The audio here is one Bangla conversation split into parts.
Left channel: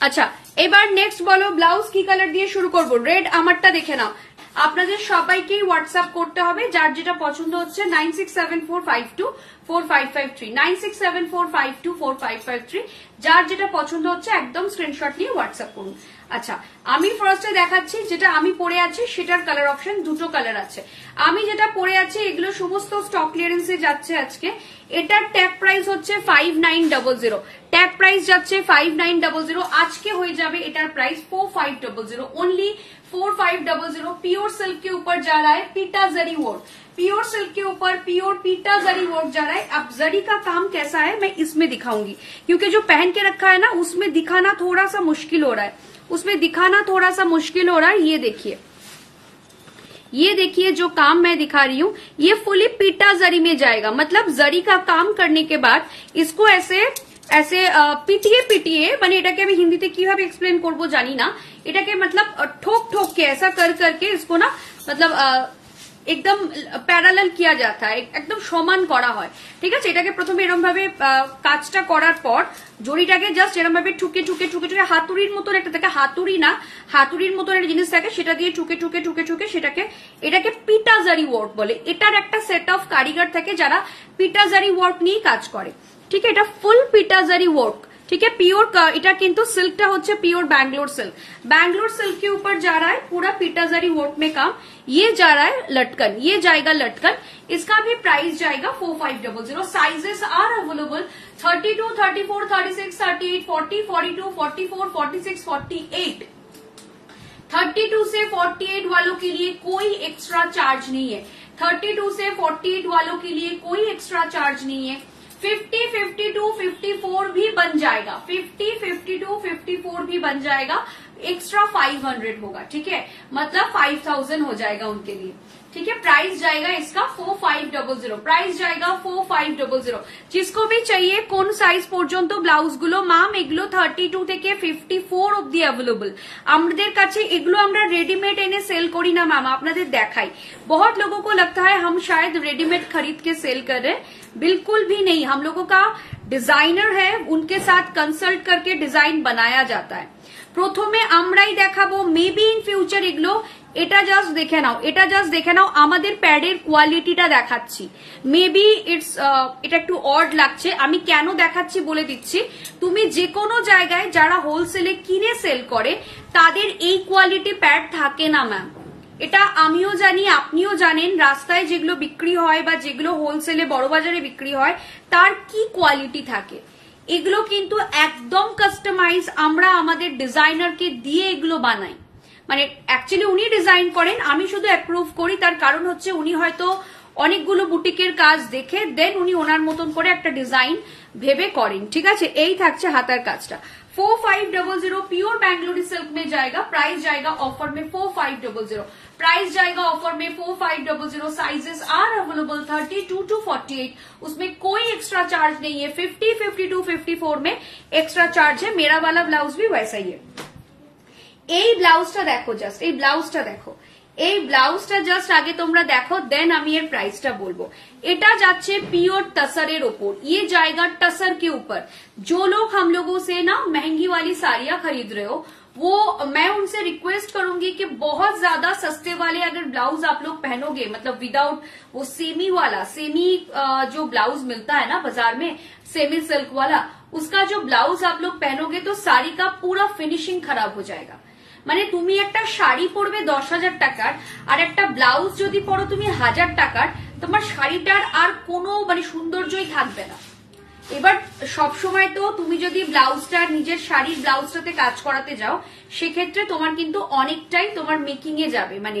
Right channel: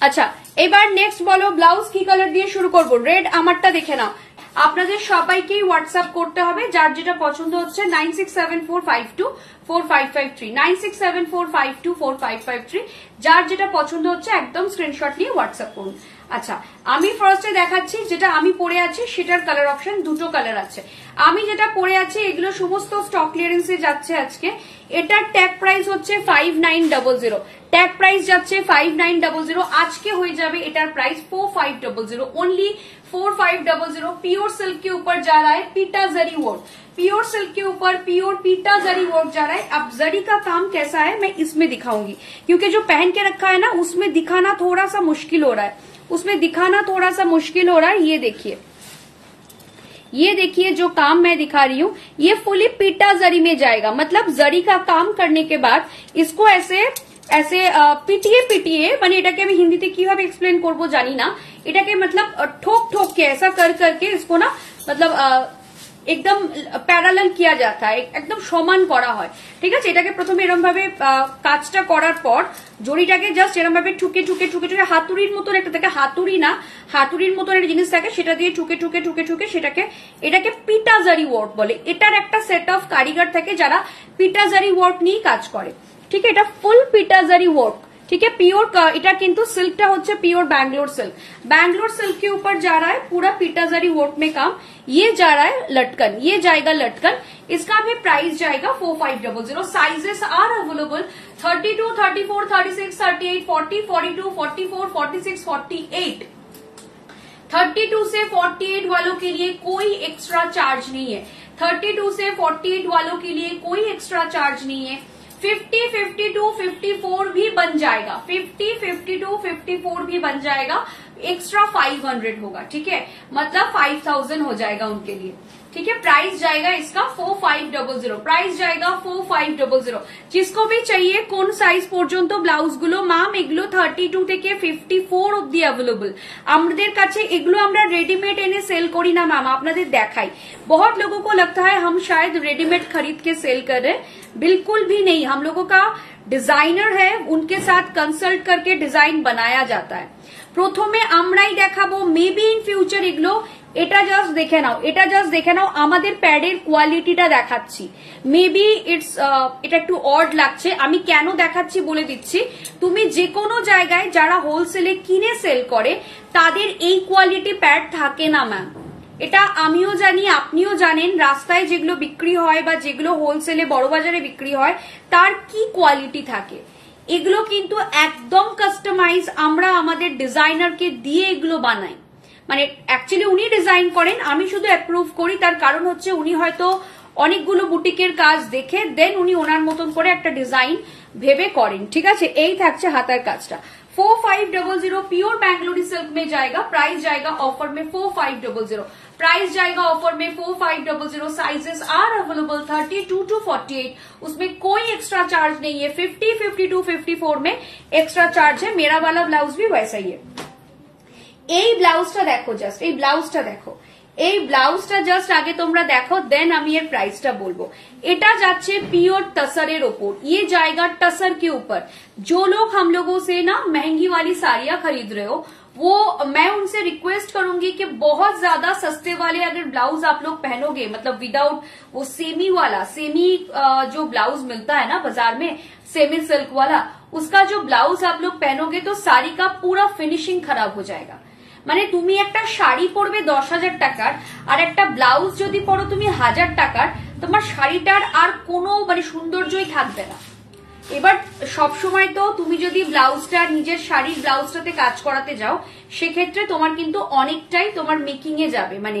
আচ্ছা এবার নেক্সট বলো ব্লাউজ কি কালার দিয়ে শুরু করবো? রেড আমারটা দেখে নাও। আপনাদের সবাইকেই হোয়াটসঅ্যাপ করতে হবে, যার যেটা পছন্দ হচ্ছে 9674524553 9674524553 যার যেটা পছন্দ হচ্ছে একদম স্ক্রিনশট নিয়ে হোয়াটসঅ্যাপ করুন। আচ্ছা আমি ফার্স্টে দেখাচ্ছি যেটা আমি পরে আছি সেটার কালার অপশন দুটো কালার আছে। আমি যেটা পরে আছি এগুলো সমস্ত স্টক ক্লিয়ারেন্সে যাচ্ছে আজকে। এটার ট্যাগ প্রাইস হচ্ছে 5900, ট্যাগ প্রাইস যাচ্ছে 5900, আজকে হয়ে যাবে এটার প্রাইস 4500 ओनली 4500। प्योर सिल्क के ऊपर जा रहा है पीटा जरी वर्क, प्योर सिल्क के ऊपर प्योर पीटा जरी वर्क जा रहा है। अब जरी का काम कैसा है मैं इसमें दिखाऊंगी, क्योंकि जो पहन के रखा है ना उसमें दिखाना थोड़ा सा मुश्किल हो रहा है, उसमें दिखाना थोड़ा सा मुश्किल हो रहा है। ये देखिए जो काम मैं दिखा रही हूँ ये फुली पीटा जरी में जाएगा, मतलब जरी का काम करने के बाद इसको ऐसे ऐसे পিটিয়ে মানে এটাকে আমি হিন্দিতে কিভাবে এক্সপ্লেন করবো জানি না, এটাকে मतलब ठोक ठोक के ऐसा कर करके इसको ना मतलब एकदम প্যারালাল किया जाता है, একদম সমান করা হয়। ঠিক আছে, এটাকে প্রথমে এরকম ভাবে কাজটা করার পর জড়িটাকে জাস্ট এরকম ভাবে ঠুকে ঠুকে ঠুকে ঠুকে হাতুড়ির মতন একটা থাকে, হাতুড়ি না হাতুড়ির মতন একটা জিনিস থাকে, সেটা দিয়ে ঠুকে ঠুকে ঠুকে ঠুকে এটাকে পিটা জারি ওয়ার্ক বলে। এটার একটা সেট অফ কারিগর থাকে যারা পিটা জারি ওয়ার্ক নিয়ে কাজ করে। ठीक है, এটা ফুল পিটা জারি ওয়ার্ক। ठीक है, प्योर এটা কিন্তু সিল্কটা হচ্ছে pure Bangalore silk, Bangalore silk के ऊपर जा रहा है पूरा पीटा जरी वर्क में काम। ये जा रहा है लटकन, ये जाएगा लटकन, इसका भी प्राइस जाएगा 4500। Sizes are available 32, 34, 36, 38, 40, 42, 44, 46, 48। 32 से 48 वालों के लिए कोई एक्स्ट्रा चार्ज नहीं है, 32 से 48 वालों के लिए कोई एक्स्ट्रा चार्ज नहीं है। 50, 52, 54 भी बन जाएगा, 50, 52, 54 भी बन जाएगा, एक्स्ट्रा 500 होगा। ठीक है, मतलब 5000 हो जाएगा उनके लिए। ठीक है, प्राइस जाएगा इसका 4500, प्राइस जाएगा 4500। जिसको भी चाहिए কোন সাইজ পর্যন্ত ব্লাউজ গুলো ম্যাম এগুলো 32 থেকে 54 অবধি अवेलेबल আমাদের কাছে। এগুলো আমরা রেডিমেড এনে সেল করি না ম্যাম, আপনাদের দেখাই। बहुत लोगों को लगता है हम शायद रेडीमेड खरीद के सेल कर रहे, बिल्कुल भी नहीं। हम लोगों का डिजाइनर है, उनके साथ कंसल्ट करके डिजाइन बनाया जाता है। প্রথমে আমরাই দেখাবো, মেবি ইন ফিউচার এগুলো। এটা জাস্ট দেখে নাও, এটা জাস্ট দেখে নাও আমাদের প্যাডের কোয়ালিটিটা দেখাচ্ছি। মেবি এটা একটু অড লাগছে, আমি কেন দেখাচ্ছি বলে দিচ্ছি। তুমি যে কোনো জায়গায় যারা হোলসেলে কিনে সেল করে তাদের এই কোয়ালিটি প্যাড থাকে না ম্যাম, এটা আমিও জানি আপনিও জানেন। রাস্তায় যেগুলো বিক্রি হয় বা যেগুলো হোলসেলে বড় বাজারে বিক্রি হয় তার কি কোয়ালিটি থাকে, এগুলো কিন্তু একদম কাস্টমাইজ আমরা আমাদের ডিজাইনারকে দিয়ে এগুলো বানাই। মানে অ্যাকচুয়ালি উনি ডিজাইন করেন, আমি শুধু অ্যাপ্রুভ করি। তার কারণ হচ্ছে উনি হয়তো অনেকগুলো বুটিকের কাজ দেখে দেন উনি ওনার মতন করে একটা ডিজাইন ভেবে করেন। ঠিক আছে, এই থাকছে হাতার কাজটা। 4500 प्योर बैंगलोरी सिल्क में जाएगा, प्राइस जाएगा ऑफर में 4500, प्राइस जाएगा ऑफर में 4500। साइजेस आर अवेलेबल 32 to 48, उसमें कोई एक्स्ट्रा चार्ज नहीं है। 50, 52, 54 में एक्स्ट्रा चार्ज है। मेरा वाला ब्लाउज भी वैसा ही है। এই ব্লাউজটা দেখো, জাস্ট এই ব্লাউজটা দেখো, এই ব্লাউজটা জাস্ট আগে তোমরা দেখো, দেন আমি এর প্রাইসটা বলবো। এটা যাচ্ছে পিওর टसरेर ওপর, ये जाएगा टसर के ऊपर। जो लोग हम लोगों से ना महंगी वाली साड़ियां खरीद रहे हो, वो मैं उनसे रिक्वेस्ट करूंगी कि बहुत ज्यादा सस्ते वाले अगर ब्लाउज आप लोग पहनोगे, मतलब विदाउट वो सेमी वाला, सेमी जो ब्लाउज मिलता है ना बाजार में सेमी सिल्क वाला, उसका जो ब्लाउज आप लोग पहनोगे तो साड़ी का पूरा फिनिशिंग खराब हो जाएगा। মানে তুমি একটা শাড়ি পরবে 10,000 টাকার আর একটা ব্লাউজ যদি পরো তুমি 1000 টাকার, তোমার শাড়িটার আর কোনো মানে সৌন্দর্যই থাকবে না। এবার সবসময় তো তুমি যদি ব্লাউজটা নিজের শাড়ির ব্লাউজটাতে কাজ করাতে যাও সেক্ষেত্রে তোমার কিন্তু অনেকটাই তোমার মেকিং এ যাবে, মানে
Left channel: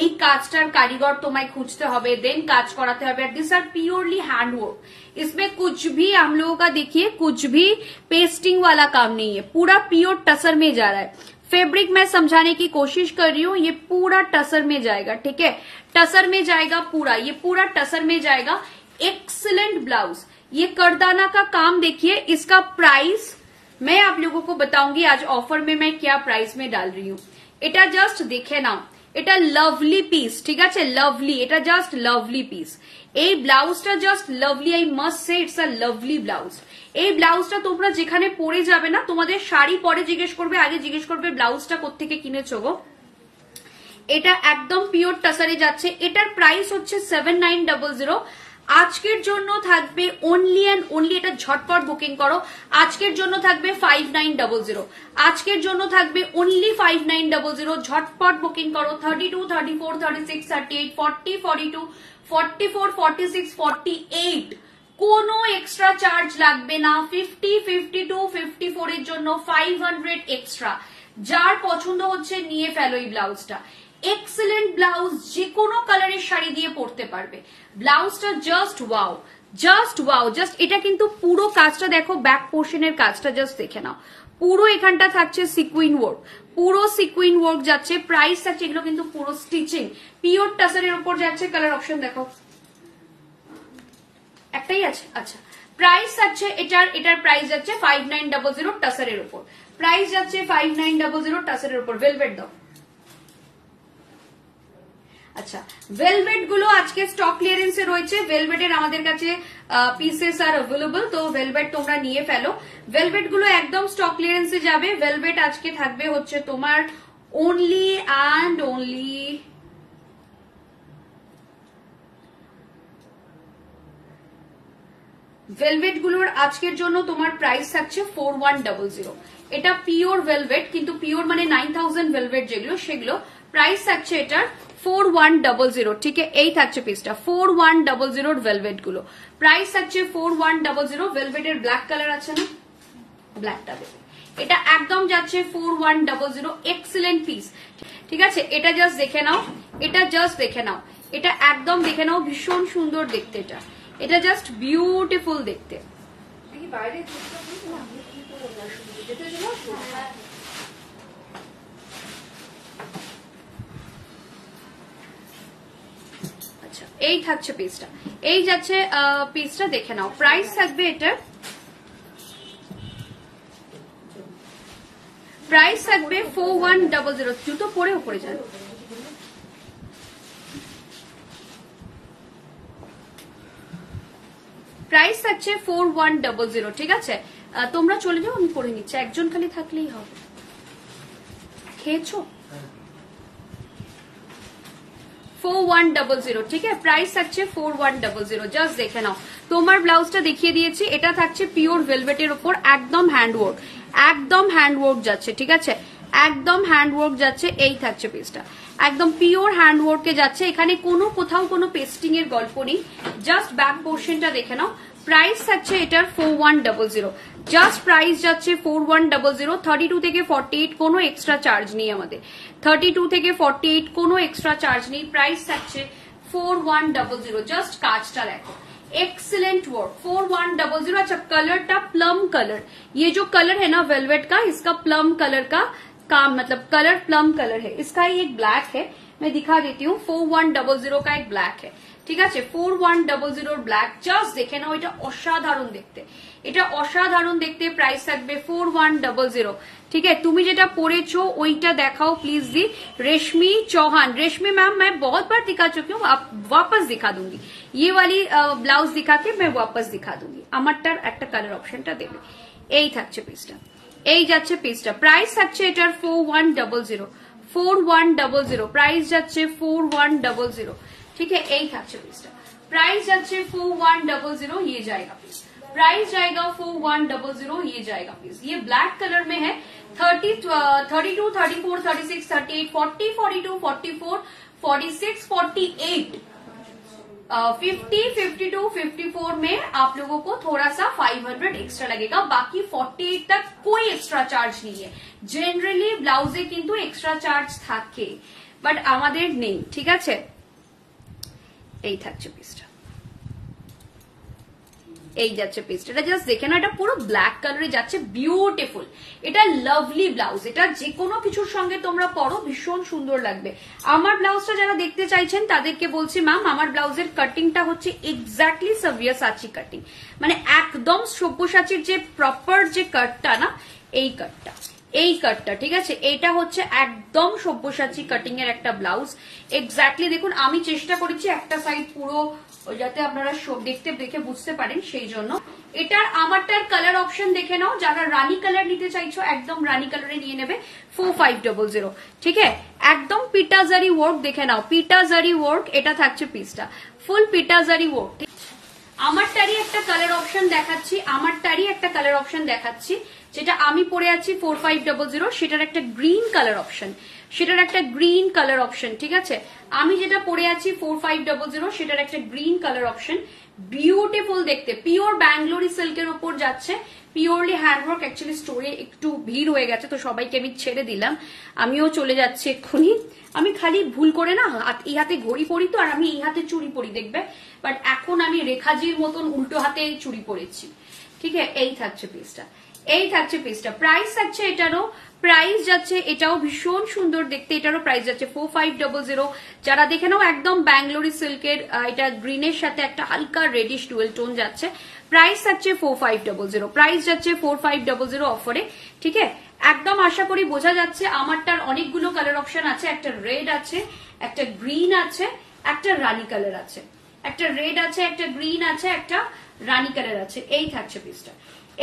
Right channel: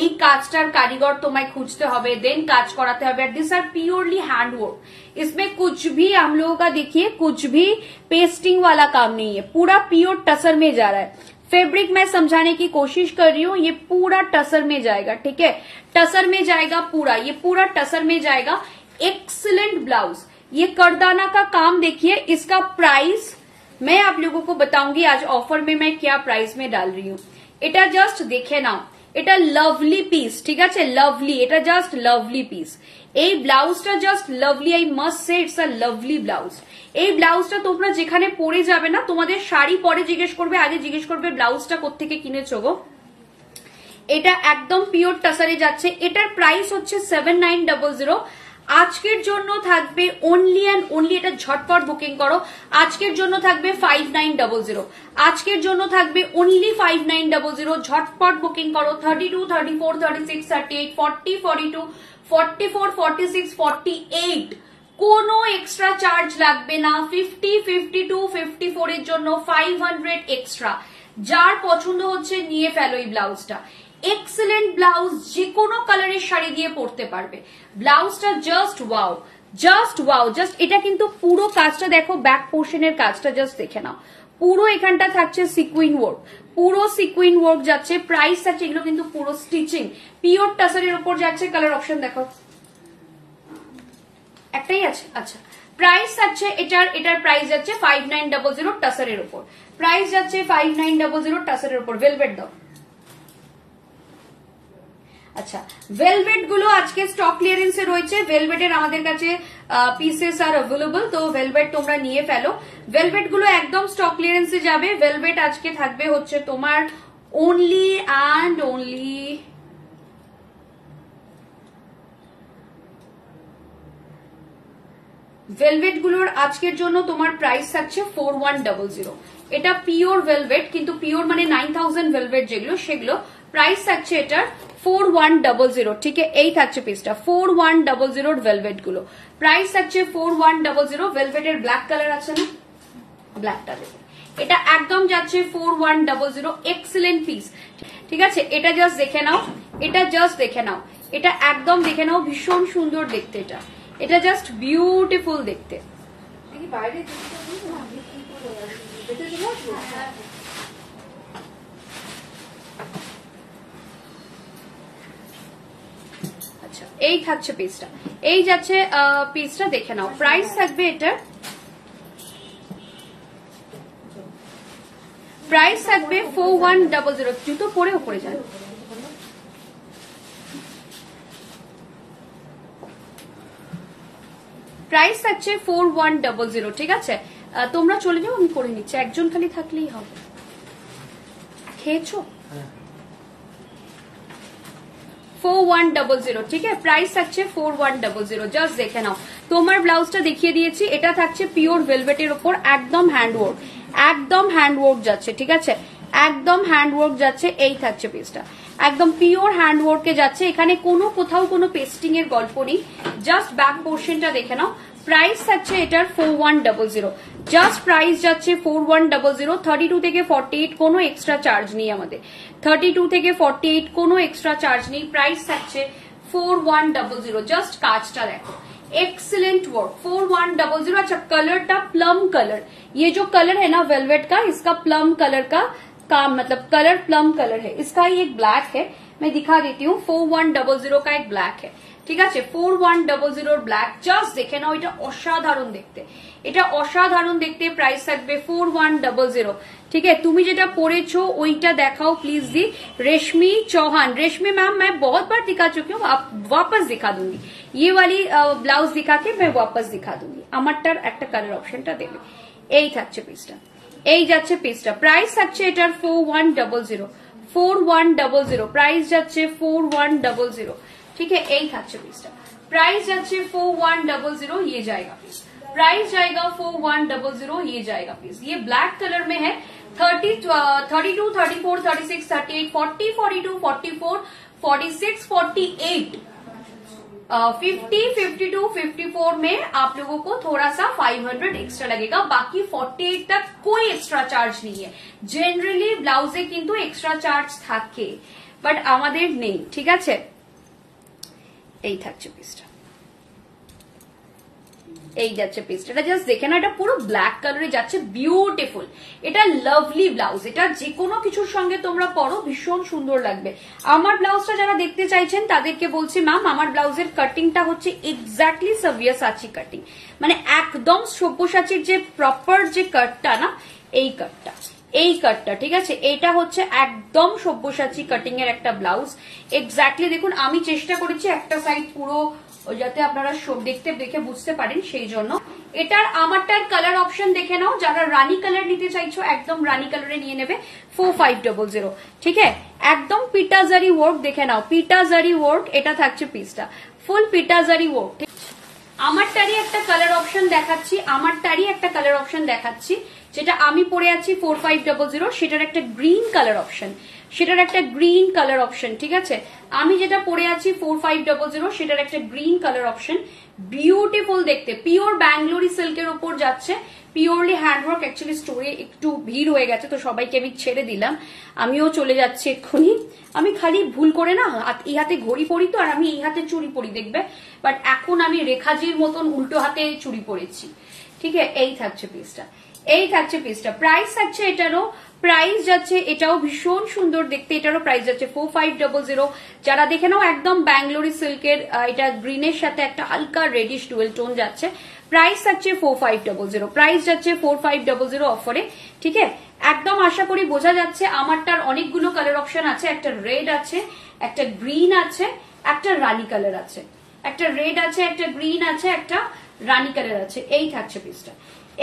এই কাজটার কারিগর তোমায় খুঁজতে হবে, দেন কাজ করাতে হবে। दिस आर प्योरली हैंडवर्क, इसमें कुछ भी हम लोगों का देखिए कुछ भी पेस्टिंग वाला काम नहीं है, पूरा प्योर टसर में जा रहा है। फैब्रिक मैं समझाने की कोशिश कर रही हूँ, ये पूरा टसर में जाएगा। ठीक है, टसर में जाएगा पूरा, ये पूरा टसर में जाएगा। एक्सीलेंट ब्लाउज, ये करदाना का काम देखिए। इसका प्राइस मैं आप लोगों को बताऊंगी आज ऑफर में मैं क्या प्राइस में डाल रही हूँ। এটা জাস্ট দেখে নাও, এটা লাভলি পিস, ঠিক আছে, লাভলি, এটা জাস্ট লাভলি পিস। এই ব্লাউজটা just lovely, I must say it's a lovely blouse. এই ব্লাউজটা তোমরা যেখানে পরে যাবে না, তোমাদের শাড়ি পরে জিজ্ঞেস করবে, আগে জিজ্ঞেস করবে ব্লাউজটা কোত্থেকে কিনেছো গো। এটা একদম পিওর টাসারে যাচ্ছে, এটার প্রাইস হচ্ছে 7900। আজকের জন্য থাকবে অনলি অ্যান্ড অনলি, এটা ঝটপট বুকিং করো, আজকের জন্য থাকবে 5900, আজকের জন্য থাকবে অনলি 5900, ঝটপট বুকিং করো। 32, 34, 36, 38, 40, 42, 44, 46, 48 কোনো এক্সট্রা চার্জ লাগবে না। 50, 52, 54 এর জন্য 500 এক্সট্রা। যার পছন্দ হচ্ছে নিয়ে ফেলো এই ব্লাউজটা, এক্সেলেন্ট ব্লাউজ, যে কোনো কালারের শাড়ি দিয়ে পরতে পারবে। ব্লাউজটা just wow, just wow, just এটা কিন্তু পুরো কাজটা দেখো, ব্যাক পোর্শনের কাজটা জাস্ট দেখে নাও, পুরো এখানটা থাকছে সিকুইন ওয়ার্ক, পুরো সিকুইন ওয়ার্ক যাচ্ছে। প্রাইস থাকছে, এগুলো কিন্তু পুরো স্টিচিং পিওর টাসারের উপর যাচ্ছে। কালার অপশন দেখো, একটাই আছে, আচ্ছা। প্রাইস যাচ্ছে এটার প্রাইস যাচ্ছে 5900 টাসারের উপর, প্রাইস যাচ্ছে 5900 টাসারের উপর। ভেলভেট দাও, আচ্ছা। ভেলভেট গুলো আজকে স্টক ক্লিয়ারেন্সে রয়েছে, ভেলভেটের আমাদের কাছে পিসেস আর অ্যাভেলেবল, তো ভেলভেট তোমরা নিয়ে ফেলো। ভেলভেট গুলো একদম স্টক ক্লিয়ারেন্সে যাবে। ভেলভেট আজকে থাকবে হচ্ছে তোমার অনলি অ্যান্ড অনলি ভেলভেট গুলোর আজকের জন্য তোমার প্রাইস থাকছে 4100। এটা পিওর ভেলভেট, কিন্তু পিওর মানে 9000 ভেলভেট যেগুলো, সেগুলো প্রাইস থাকছে এটার 4100, ঠিক আছে। এই থাকছে পিসটা 4100 ভেলভেট গুলো, প্রাইস থাকছে 4100। ভেলভেটের ব্ল্যাক কালার আছে না, ব্ল্যাকটা দেবে, এটা একদম যাচ্ছে 4100, এক্সেলেন্ট পিস, ঠিক আছে। এটা জাস্ট দেখে নাও, এটা জাস্ট দেখে নাও, এটা একদম দেখে নাও, ভীষণ সুন্দর দেখতে, এটা জাস্ট বিউটিফুল দেখতে। আচ্ছা, এই থাকছে পিসটা, এই যাচ্ছে পিসটা দেখে নাও। প্রাইস থাকবে এটার, প্রাইস থাকবে 4100। জুতো পরে উপরে যান, প্রাইস থাকছে 4100, ঠিক আছে। তোমরা চলে যাও, আমি করে নিচ্ছি, একজন খালি থাকলেই হবে। খেয়েছো? 4100, ঠিক আছে। প্রাইস থাকছে 4100, জাস্ট দেখে নাও। তোমার ব্লাউজটা দেখিয়ে দিয়েছি, এটা থাকছে পিওর ভেলভেটের উপর, একদম হ্যান্ডওয়ার্ক, একদম হ্যান্ডওয়ার্ক যাচ্ছে, ঠিক আছে, একদম হ্যান্ডওয়ার্ক যাচ্ছে। এই থাকছে পিসটা, একদম পিওর হ্যান্ডওয়ার্কে যাচ্ছে, এখানে কোথাও কোনো পেস্টিং এর গল্প নেই। জাস্ট ব্যাক পোর্শনটা দেখে নাও। প্রাইস থাকছে এটার 4100, জাস্ট প্রাইস যাচ্ছে 4100। 32 থেকে 48 কোনো এক্সট্রা চার্জ নেই আমাদের, 32 থেকে 48 কোনো এক্সট্রা চার্জ নেই। প্রাইস থাকছে 4100, জাস্ট কাজটা দেখো, एक्सीलेंट वर्क। 4100। अच्छा, कलर था प्लम कलर, ये जो कलर है ना वेलवेट का, इसका प्लम कलर का काम, मतलब कलर प्लम कलर है, इसका ही एक ब्लैक है, मैं दिखा देती हूँ। 4100 का एक ब्लैक है, ঠিক আছে। 4100 ব্ল্যাক, জাস্ট দেখে নাও, এটা অসাধারণ দেখতে, এটা অসাধারণ দেখতে। প্রাইস থাকবে 4100, ठीक है। তুমি যেটা পরেছো ওইটা দেখাও প্লিজ दी। रेशमी चौहान, रेशमी मैम मैं बहुत बार दिखा चुकी हूँ, आप वापस दिखा दूंगी, ये वाली ब्लाउज दिखा के मैं वापस दिखा दूंगी। আমারটার একটা কালার অপশনটা দেবে। এই থাকছে পিসটা, এই যাচ্ছে পিসটা। প্রাইস থাকছে এটার 4100, 4100 প্রাইস যাচ্ছে 4100, ठीक है। एक अच्छा पीसटा, प्राइस जाच्छे 4100, ये जाएगा पीस, प्राइस जाएगा 4100, ये जाएगा पीस। ये ब्लैक कलर में है। 32, 34, 36, 38, 40, 42, 44, 46, 48, 50, 52, 54 में आप लोगों को थोड़ा सा 500 एक्स्ट्रा लगेगा, बाकी 48 तक कोई एक्स्ट्रा चार्ज नहीं है। जनरली ब्लाउजे किंतु एक्स्ट्रा चार्ज থাকে, বাট আমাদের নেই, ঠিক আছে। এই থাকছে পিসটা, এই যাচ্ছে পিসটা, এটা জাস্ট দেখে না, এটা পুরো ব্ল্যাক কালারে যাচ্ছে, বিউটিফুল। এটা লাভলি ব্লাউজ, এটা যে কোনো কিছুর সঙ্গে তোমরা পরো ভীষণ সুন্দর লাগবে। আমার ব্লাউজটা যারা দেখতে চাইছেন তাদেরকে বলছি, ম্যাম আমার ব্লাউজের কাটিংটা হচ্ছে এক্স্যাক্টলি সব্যসাচী কাটিং, মানে একদম সব্যসাচীর যে প্রপার যে কাটটা না, এই কাটটা, এই কাটটা, ঠিক আছে, এটা হচ্ছে একদম সব্যসাচী কাটিং এর একটা ব্লাউজ। এক্স্যাক্টলি দেখুন, আমি চেষ্টা করেছি একটা সাইড পুরো যাতে আপনারা সব দেখে বুঝতে পারেন, সেই জন্য। এটার আমারটার কালার অপশন দেখে নাও, যারা রানী কালার নিতে চাইছো একদম রানী কালারে নিয়ে নেবে 4500। ঠিক আছে, একদম পিটাজারি ওয়ার্ক দেখে নাও, পিটাজারি ওয়ার্ক, এটা থাকছে পিসটা ফুল পিটাজারি ওয়ার্ক। আমারটারই একটা কালার অপশন দেখাচ্ছি, যেটা আমি পরে আছি 4500, সেটার একটা গ্রিন কালার অপশন, ঠিক আছে। আমি যেটা পরে আছি 4500, সেটার একটা গ্রিন কালার অপশন, বিউটিফুল দেখতে, পিওর ব্যাঙ্গালোরি সিল্কের উপর যাচ্ছে, পিওরলি হ্যান্ডওয়ার্ক। অ্যাকচুয়ালি স্টোরে একটু ভিড় হয়ে গেছে, তো সবাইকে আমি ছেড়ে দিলাম, আমিও চলে যাচ্ছি এক্ষুনি। আমি খালি ভুল করে না এই হাতে ঘড়ি পরি তো, আর আমি এই হাতে চুড়ি পরি দেখবে, বাট এখন আমি রেখাজির মতন উল্টো হাতে চুড়ি পরেছি। ঠিক আছে, এই থাকছে পিসটা, প্রাইস থাকছে এটারও, প্রাইস যাচ্ছে, এটাও ভীষণ সুন্দর দেখতে, এটারও প্রাইস যাচ্ছে 4500। যারা দেখে নাও একদম ব্যাঙ্গালোরি সিল্কের, এটা গ্রিনের সাথে একটা হালকা রেডিশ ডুয়েল টোন যাচ্ছে, প্রাইস যাচ্ছে 4500 অফারে। ঠিক আছে, একদম আশা করি বোঝা যাচ্ছে। আমারটার অনেকগুলো কালার অপশন আছে, একটা রেড আছে, একটা গ্রিন আছে, একটা রানী কালার আছে, একটা রেড আছে, একটা গ্রিন আছে, একটা রানী কালার আছে। এই থাকছে পিসটা,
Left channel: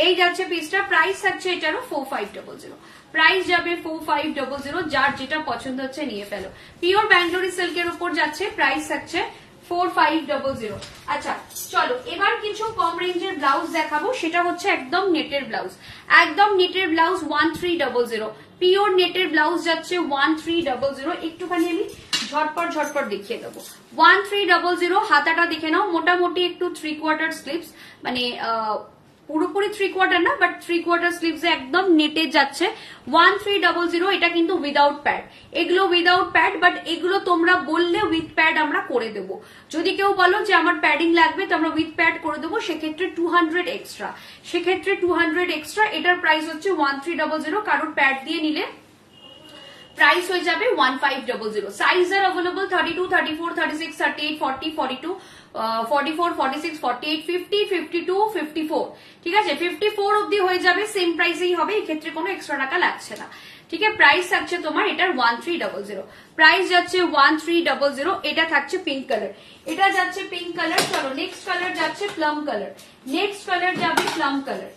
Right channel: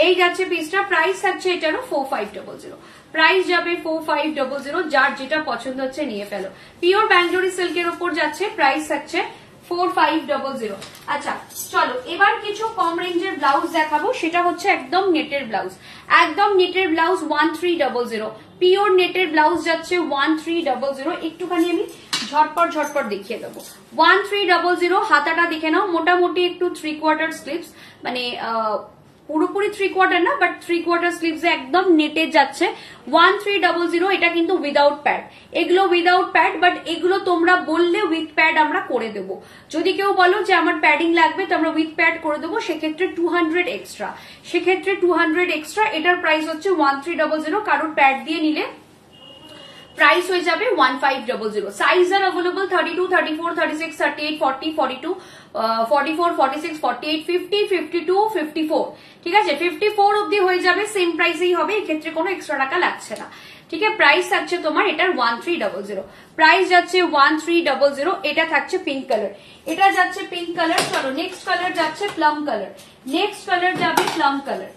এই যাচ্ছে পিসটা, প্রাইস থাকছে এটারও 4500, প্রাইস যাবে 4500। যার যেটা পছন্দ হচ্ছে নিয়ে ফেলো, পিওর ব্যাঙ্গালোরি সিল্কের উপর যাচ্ছে, প্রাইস থাকছে 4500। আচ্ছা চলো, এবার কিছু কম রেঞ্জের ব্লাউজ দেখাবো, সেটা হচ্ছে একদম নেটের ব্লাউজ, 1300, পিওর নেটের ব্লাউজ যাচ্ছে 1300। একটুখানি আমি ঝটপট দেখিয়ে দেবো। 1300, হাতাটা দেখে নাও, মোটামুটি একটু 3/4 স্লিভস, মানে পুরোপুরি 3/4 না, বাট 3/4 স্লিভস একদম নেটে যাচ্ছে 1300। এটা কিন্তু উইদাউট প্যাড, এগুলো উইদাউট প্যাড, বাট এগুলো তোমরা বললে উইথ প্যাড আমরা করে দেবো। যদি কেউ বলো যে আমার প্যাডিং লাগবে, তো আমরা উইথ প্যাড করে দেবো, সেক্ষেত্রে 200 এক্সট্রা। এটার প্রাইস হচ্ছে 1300, কারোর প্যাড দিয়ে নিলে প্রাইস হয়ে যাবে 1500। সাইজ আর অ্যাভেলেবল 32, 34, 36, 38, 40, 42, 44, 46, 48, 50, 52, 54। ঠিক আছে, 54 অব্দি হয়ে যাবে, সেম প্রাইসেই হবে, এক্ষেত্রে কোনো এক্সট্রা টাকা লাগছে না। ঠিক আছে, প্রাইস থাকছে তোমার এটার 1300, প্রাইস যাচ্ছে 1300। এটা থাকছে পিঙ্ক কালার, এটা যাচ্ছে পিঙ্ক কালার। চলো নেক্সট কালার যাচ্ছে plum colour, plum colour.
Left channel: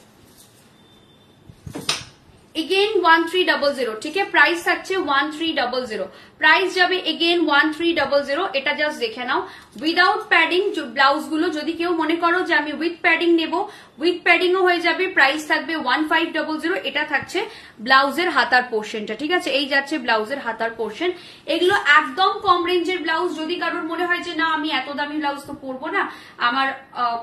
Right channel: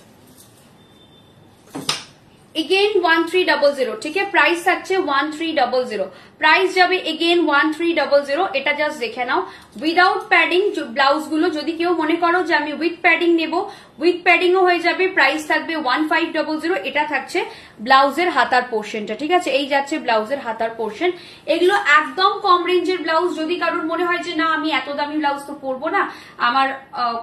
Again 1300, ঠিক আছে, প্রাইস থাকছে 1300, প্রাইস যাবে এগেইন 1300। এটা জাস্ট দেখে নাও, উইদাউট প্যাডিং ব্লাউজ গুলো, যদি কেউ মনে করো যে আমি উইথ প্যাডিং নেবো, উইথ প্যাডিং ও হয়ে যাবে, প্রাইস থাকবে 1500। এটা থাকছে ব্লাউজের হাতার পোর্শনটা, ঠিক আছে, এই যাচ্ছে ব্লাউজের হাতার পোর্শন। এগুলো একদম কম রেঞ্জের ব্লাউজ, যদি কারোর মনে হয় যে না আমি এত দামি ব্লাউজ তো পরবো না, আমার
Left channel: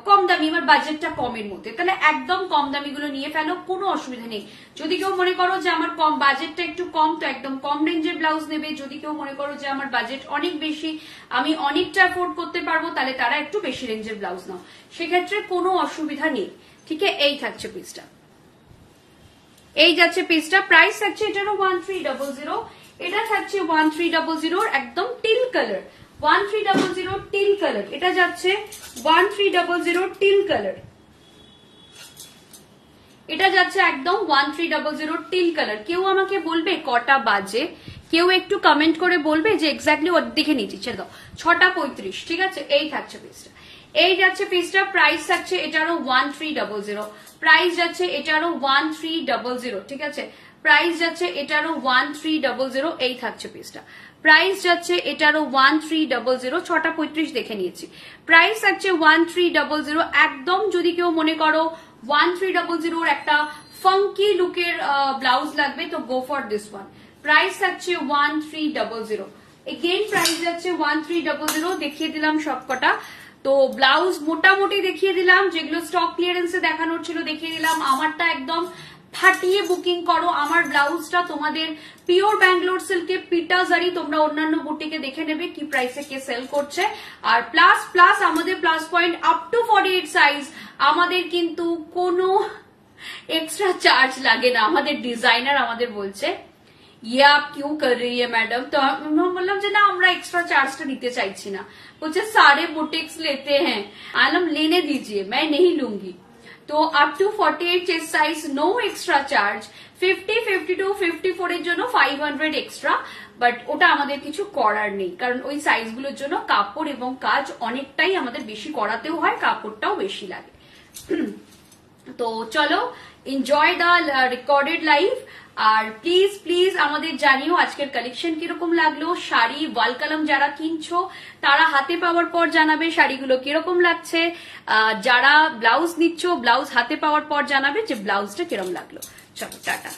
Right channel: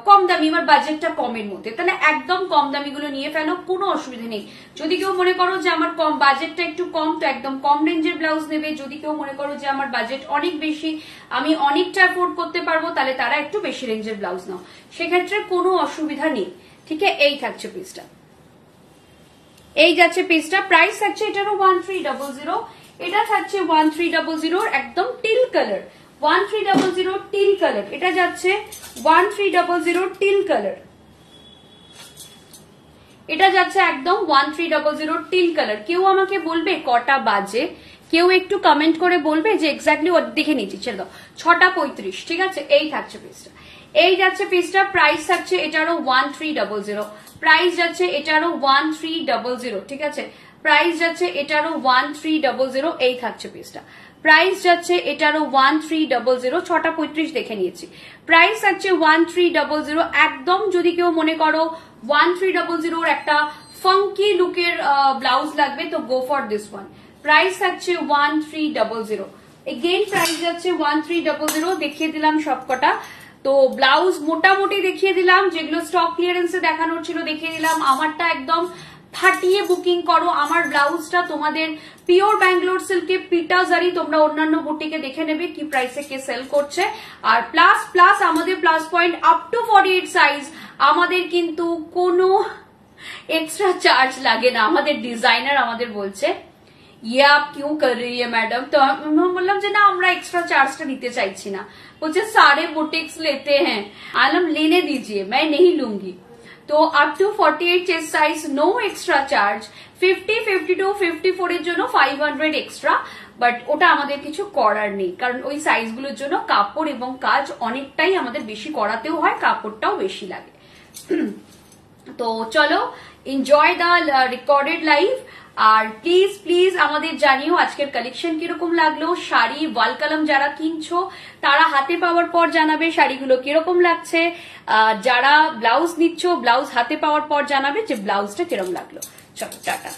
কম দামি, আমার বাজেটটা কমের মধ্যে, তাহলে একদম কম দামি গুলো নিয়ে ফেলো, কোনো অসুবিধা নেই। যদি কেউ মনে করো যে আমার কম বাজেটটা একটু কম, তো একদম কম রেঞ্জের ব্লাউজ নেবে। যদি কেউ মনে করো যে আমার বাজেট অনেক বেশি, আমি অনেকটা অ্যাফোর্ড করতে পারবো, তাহলে তারা একটু বেশি রেঞ্জের ব্লাউজ নাও, সেক্ষেত্রে কোনো অসুবিধা নেই। ঠিক আছে, এই থাকছে পিসটা, এই যাচ্ছে পিসটা, প্রাইস থাকছে এটারও 1300। এটা থাকছে 1300 একদম টিল কালার, 1300 টিল কালার। এটা যাচ্ছে 1300 টিল কালার, এটা যাচ্ছে একদম 1300 টিল কালার। কেউ আমাকে বলবে কটা বাজে, কেউ একটু কমেন্ট করে বলবে যে এক্স্যাক্টলি ওর দেখে নিচ্ছি, ছেড়ে দাও, 6:35। ঠিক আছে, এই থাকছে পিসটা, এই যাচ্ছে পিসটা, প্রাইস থাকছে এটারও 1300, প্রাইস যাচ্ছে এটারও 1300। ঠিক আছে, প্রাইস যাচ্ছে এটারও 1300। এই থাকছে পিসটা, প্রাইস যাচ্ছে এটারও 1300, 6:35 দেখে নিয়েছি, প্রাইস যাচ্ছে 1300 একদম। যদি কেউ মনে করো 1300 একটা ফাঙ্কি লুকের ব্লাউজ লাগবে, তো go for this one, price থাকছে 1300। এগেইন প্রাইস যাচ্ছে 1300। দেখিয়ে দিলাম সবকটা, তো ব্লাউজ মোটামুটি দেখিয়ে দিলাম, যেগুলো স্টক ক্লিয়ারেন্সে দেখানোর ছিল দেখিয়ে দিলাম। আমারটা একদম ফাটিয়ে বুকিং করো, আমার ব্লাউজটা তোমাদের পিওর ব্যাঙ্গালোর সিল্কে পিটা জারি, তোমরা অন্যান্য বুটিকে দেখে নেবে কি প্রাইসে কে সেল করছে। আর প্লাস আমাদের plus point up to 48 size, আমাদের কিন্তু কোনো এক্সট্রা চার্জ লাগে না। আমাদের ডিজাইনার আমাদের বলছে ये आप क्यों कर रही है मैडम, तो हम बोललाम যে না আমরা एक्स्ट्रा चार्जটা দিতে চাইছি না, বলছে सारे बुटीक्स लेते हैं, आलम लेने दीजिए मैं नहीं लूंगी। তো up to 48 chest size no extra charge, 50, 52, 54 এর জন্য 500 এক্সট্রা, বাট ওটা আমাদের কিছু করার নেই, কারণ ওই সাইজগুলোর জন্য কাপড় এবং কাজ অনেকটাই আমাদের বেশি করাতেও হয়, কাপড়টাও বেশি লাগে। তো চলো, এনজয় দ্য রেকর্ডেড লাইভ। আর প্লিজ প্লিজ আমাদের জানিও আজকের কালেকশন কিরকম লাগলো। শাড়ি ওয়াল কলম যারা কিনছো তারা হাতে পাওয়ার পর জানাবে শাড়িগুলো কিরকম লাগছে, যারা ব্লাউজ নিচ্ছ ব্লাউজ হাতে পাওয়ার পর জানাবে যে ব্লাউজটা কিরকম লাগলো। চলো টাটা।